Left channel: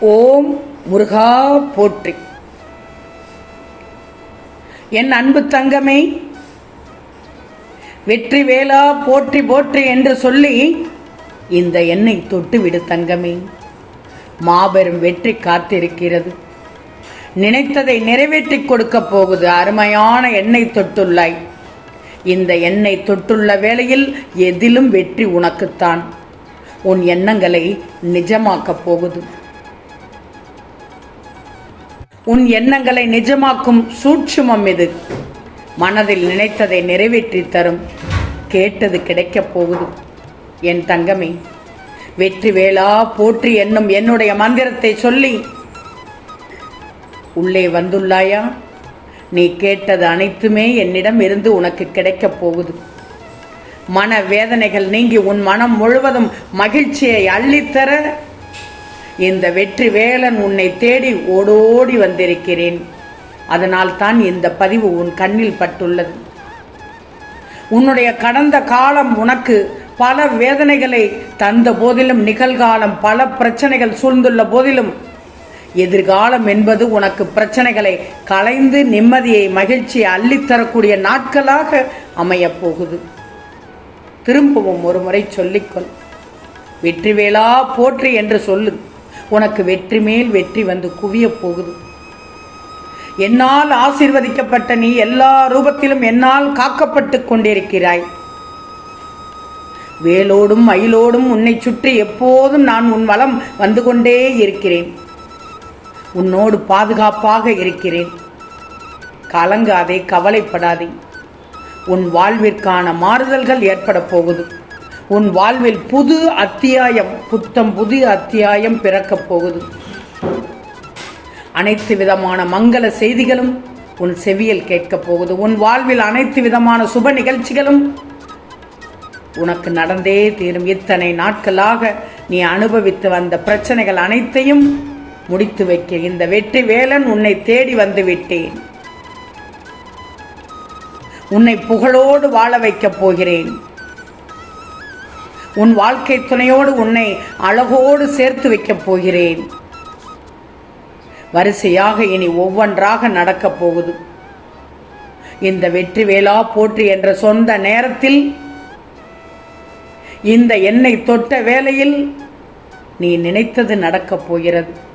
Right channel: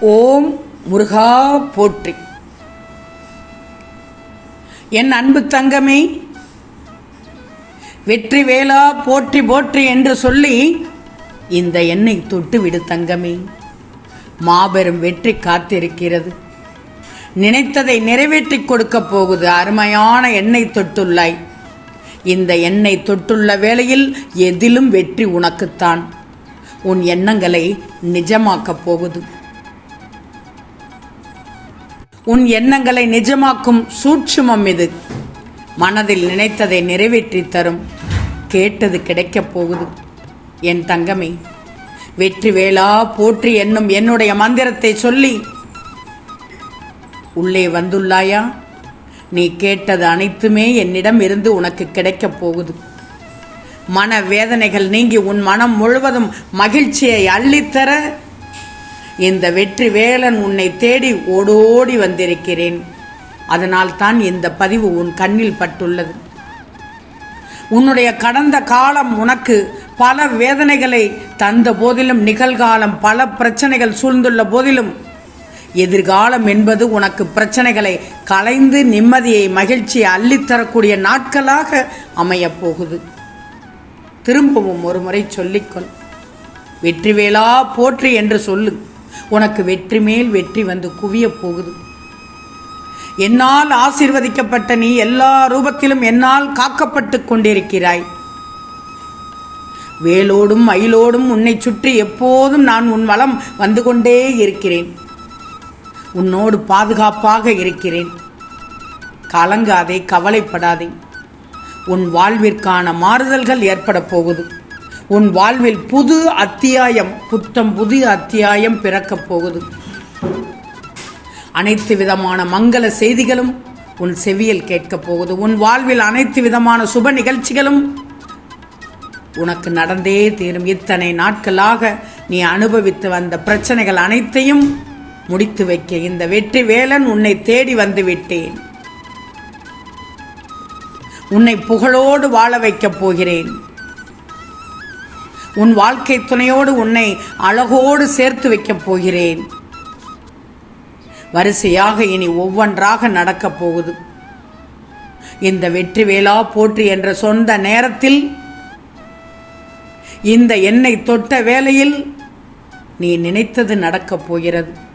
ஓம் முருகா போற்றி. என் அன்பு தங்கமே வெற்றி வேளா போற்றி போற்றி என்று சொல்லி இந்த எண்ணெய் தொட்டு விடு தங்கமே. மாபெரும் வெற்றி காத்திருக்கிறது. நினைத்ததை நிறைவேற்றிக் கொடுக்கப் போவது அருமையான எண்ணெய் தொட்டுள்ளாய். இந்த எண்ணெய் தொட்டுள்ள வேளையில் எதிலும் வெற்றி உனக்குத்தான். உன் எண்ணங்களை நிஜமாக்கப் போகுது. உன் எண்ணங்களை நிஜமாக்கும் சூட்சுமம் இது. மனதில் நினைத்ததை நிறைவேற்றி தரும். கேட்டது கிடைக்கப் போகுது. என் தங்கமே வெற்றி வேளா போற்றி என்னும் என்னுடைய மந்திரத்தை சொல்லி. உள்ளே வந்துள்ளாயா? நீ கேட்டது அனைத்துமே என்னிடம் இருந்து உனக்கு கிடைக்கப் போகுது. மன வேதனைகள் நீங்கி உன் மனம் முழுவதும் மகிழ்ச்சியை அள்ளித்தர இந்த வெற்றி வேலன் உன்னை தேடி ஓடோடி வந்திருக்கிறேன். அதனால் தான் இந்த பதிவு உன் கண்ணில் பட்டுள்ளது. உன்னுடைய கடந்த காலம் உனக்கு பல வேதனைகளை தந்த போதிலும் நிகழ்காலம் பல பிரச்சனைகள் சூழ்ந்துள்ள போதிலும் எதிர்காலம் என்பது உனக்கு பிரச்சனைகளை களைந்து நிம்மதியை மகிழ்ச்சியை அள்ளித்தரக்கூடிய நாட்களாக அமையப் போகுது திரும்பவும் ஒரு முறை சொல்லிக்கொள். வெற்றிவேலா போற்றி என்று சொல்லு. உனக்கு வெற்றி மேல் வெற்றி வந்து குவியப் போகுது. என்னால் ஆசிர்வதிக்கப்பட்ட நீ எல்லா ரூபத்திலும் என்னால் காக்கப்பட்டு கொண்டிருக்கிறாய். வேலோடும் மயிலோடும் உன்னை சுற்றி எப்போதும் நான் உன் வளம் வந்து கொண்டே இருக்கிறேன். உன்னோடு பாதுகாப்பாக இருக்கிறேன். கலங்காதே கவலைப்படாதே. உன் வாழ்விற்கான மாறுதல்கள் ஏற்பட போகுது. உன் வாழ்வில் புது அத்தியாயம் புத்தம் புதிய அத்தியாயம் பிறக்கப் போகுது. அனைத்து விதமான மங்கள செய்திகளும் உன் செவியில் கேட்கப் போகுது. உன் வாழ்வில் அனைத்து விதமான சுப நிகழ்ச்சிகளும் உனக்கு நடந்தே தீரும். இத்தனை நாட்களாக நீ அனுபவித்து வந்த பிரச்சனைகள் அனைத்தையும் முடித்து வைக்க இந்த வெற்றி வேலன் உன்னை தேடி வந்துவிட்டேன் உன்னை புகழோடு வாழ வைக்கப் போகிறேன். உன் வாழ்க்கை துணையோடு உன்னை அழகோடு சேர்த்து வைக்கப் போகிறேன். வரிசையாக இனி ஒவ்வொன்றாக நடக்கப் போகுது. இந்த வெற்றி வேளா போற்றி என்ற சொந்த நேரத்தில் இந்த எண்ணெய் தொட்ட வேளையில் நீ நினைத்தது நடக்கப் போகிறது.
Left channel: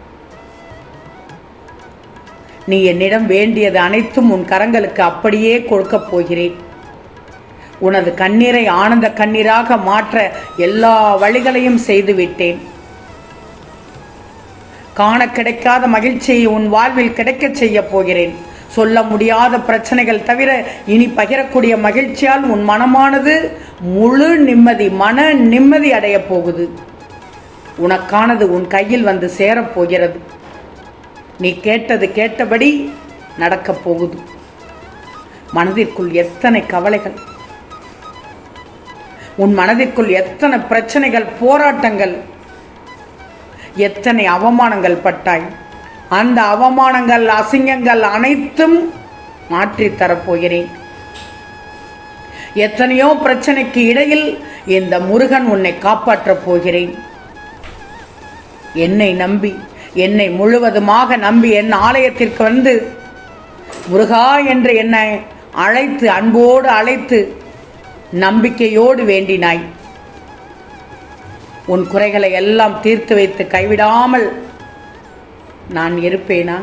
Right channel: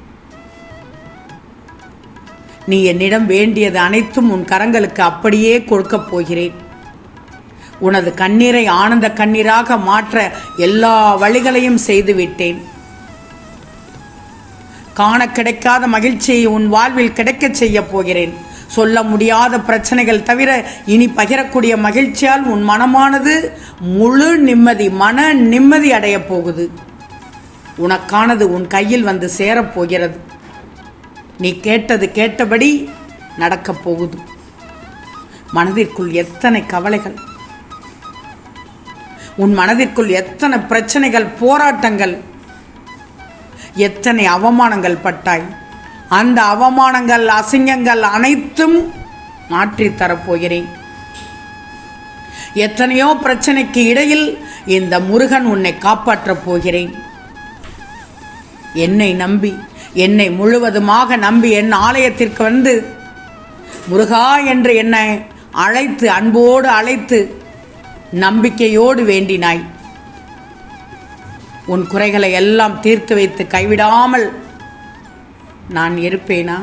நீ என்னிடம் வேண்டியது அனைத்தும் உன் கரங்களுக்கு அப்படியே கொடுக்கப் போகிறேன். உனது கண்ணீரை ஆனந்த கண்ணீராக மாற்ற எல்லா வழிகளையும் செய்துவிட்டேன். காண கிடைக்காத மகிழ்ச்சியை உன் வாழ்வில் கிடைக்கச் செய்ய போகிறேன். சொல்ல முடியாத பிரச்சனைகள் தவிர இனி பகிரக்கூடிய மகிழ்ச்சியால் உன் மனமானது முழு நிம்மதி மன நிம்மதி அடையப் போகுது. உனக்கானது உன் கையில் வந்து சேரப்போகிறது நீ கேட்டது கேட்டபடி நடக்கப் போகுது. மனதிற்குள் எத்தனை கவலைகள்? உன் மனதிற்குள் எத்தனை பிரச்சனைகள் போராட்டங்கள்? எத்தனை அவமானங்கள் பட்டாய்? அந்த அவமானங்கள் அசிங்கங்கள் அனைத்தும் மாற்றித் தரப்போகிறேன் எத்தனையோ பிரச்சனைக்கு இடையில் இந்த முருகன் உன்னை காப்பாற்றப் போகிறேன். என்னை நம்பி என்னை முழுவதுமாக நம்பி என் ஆலயத்திற்கு வந்து முருகா என்று என்னை அழைத்து அன்போடு அழைத்து நம்பிக்கையோடு வேண்டினாய். உன் குறைகளை எல்லாம் தீர்த்து வைத்து கைவிடாமல் நான் இருப்பேனா?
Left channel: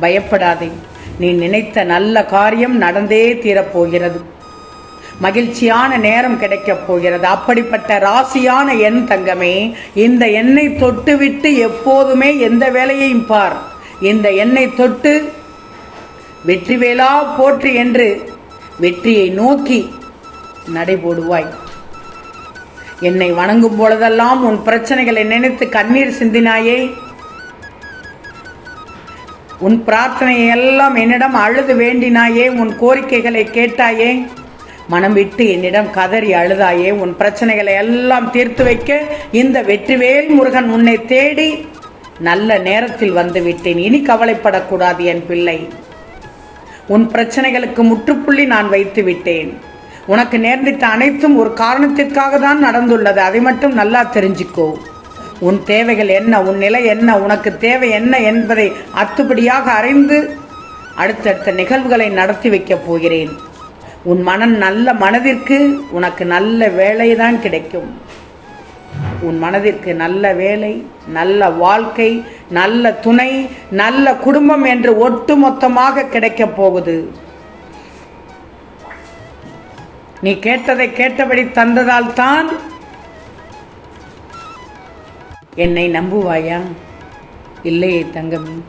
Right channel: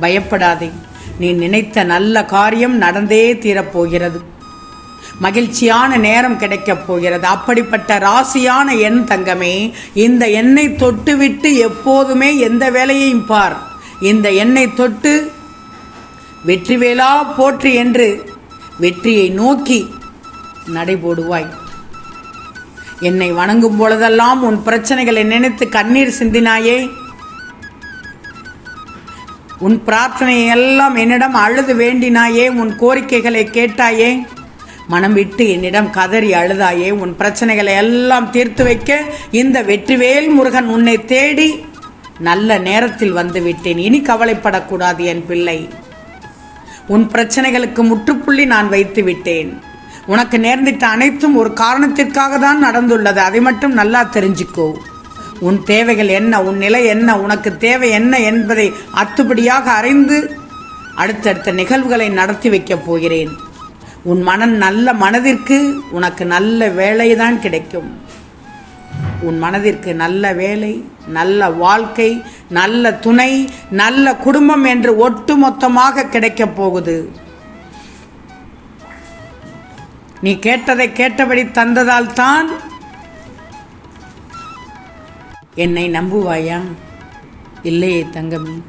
பயப்படாதே. நீ நினைத்த நல்ல காரியம் நடந்தே தீரப்போகிறது. மகிழ்ச்சியான நேரம் கிடைக்கப் போகிறது. அப்படிப்பட்ட ராசியான என் தங்கமே இந்த எண்ணெய் தொட்டுவிட்டு எப்போதுமே எந்த வேலையையும் பார். இந்த எண்ணை தொட்டு வெற்றி வேளா என்று வெற்றியை நோக்கி நடைபோடுவாய். என்னை வணங்கும் பொழுதெல்லாம் உன் பிரச்சனைகளை நினைத்து கண்ணீர் சிந்தினாயே. உன் பிரார்த்தனையெல்லாம் என்னிடம் அழுது வேண்டினாயே. உன் கோரிக்கைகளை கேட்டாயே. மனம் விட்டு என்னிடம் கதறி அழுதாயே உன் பிரச்சனைகளை எல்லாம் தீர்த்து வைக்க இந்த வெற்றிவேல் முருகன் உன்னை தேடி நல்ல நேரத்தில் வந்து விட்டேன். இனி கவலைப்படக்கூடாது என் பிள்ளை. உன் பிரச்சனைகளுக்கு முற்றுப்புள்ளி நான் வைத்து விட்டேன். உனக்கு நேர்ந்திட்ட அனைத்தும் ஒரு காரணத்திற்காக தான் நடந்துள்ளது. அதை மட்டும் நல்லா தெரிஞ்சுக்கோ. உன் தேவைகள் என்ன உன் நிலை என்ன உனக்கு தேவை என்ன என்பதை அத்துப்படியாக அறிந்து அடுத்தடுத்த நிகழ்வுகளை நடத்தி வைக்கப் போகிறேன். உன் மனம் நல்ல மனதிற்கு உனக்கு நல்ல வேலைதான் கிடைக்கும். உன் மனதிற்கு நல்ல வேலை நல்ல வாழ்க்கை நல்ல துணை நல்ல குடும்பம் என்று ஒட்டுமொத்தமாக கிடைக்கப் போகுது. நீ கேட்டதை கேட்டபடி தந்ததால் தான் என்னை நம்புவாயா? இல்லையே தங்கம்.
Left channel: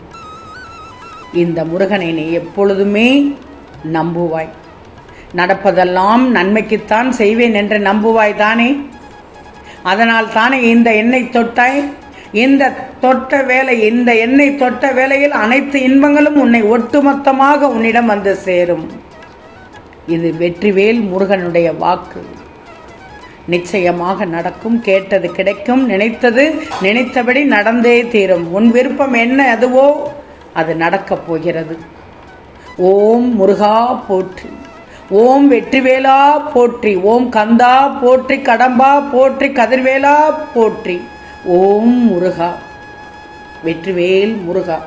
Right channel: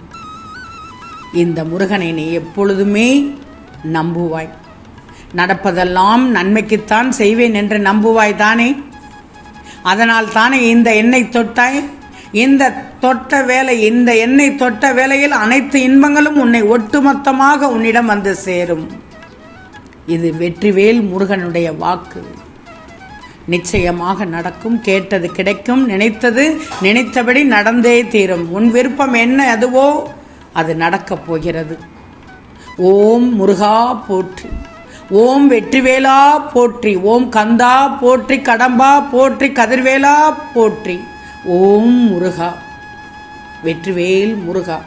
இந்த முருகனை நீ எப்பொழுதுமே நம்புவாய். நடப்பதெல்லாம் நன்மைக்குத்தான் செய்வேன் என்று நம்புவாய் தானே அதனால் தானே இந்த எண்ணெய் தொட்டாய்? இந்த தொட்ட வேலை இந்த எண்ணெய் தொட்ட வேலையில் அனைத்து இன்பங்களும் உன்னை ஒட்டுமொத்தமாக உன்னிடம் வந்து சேரும். இது வெற்றிவேல் முருகனுடைய வாக்கு. நிச்சயமாக நடக்கும் கேட்டது கிடைக்கும் நினைத்தது நினைத்தபடி நடந்தே தீரும். உன் விருப்பம் என்ன அதுவோ? அது நடக்கப் போகிறது. ஓம் முருகா போற்று. ஓம் வெற்றிவேலா போற்றி. ஓம் கந்தா போற்றி. கடம்பா போற்றி. கதிர்வேலா போற்றி. ஓம் முருகா. வெற்றிவேல் முருகா.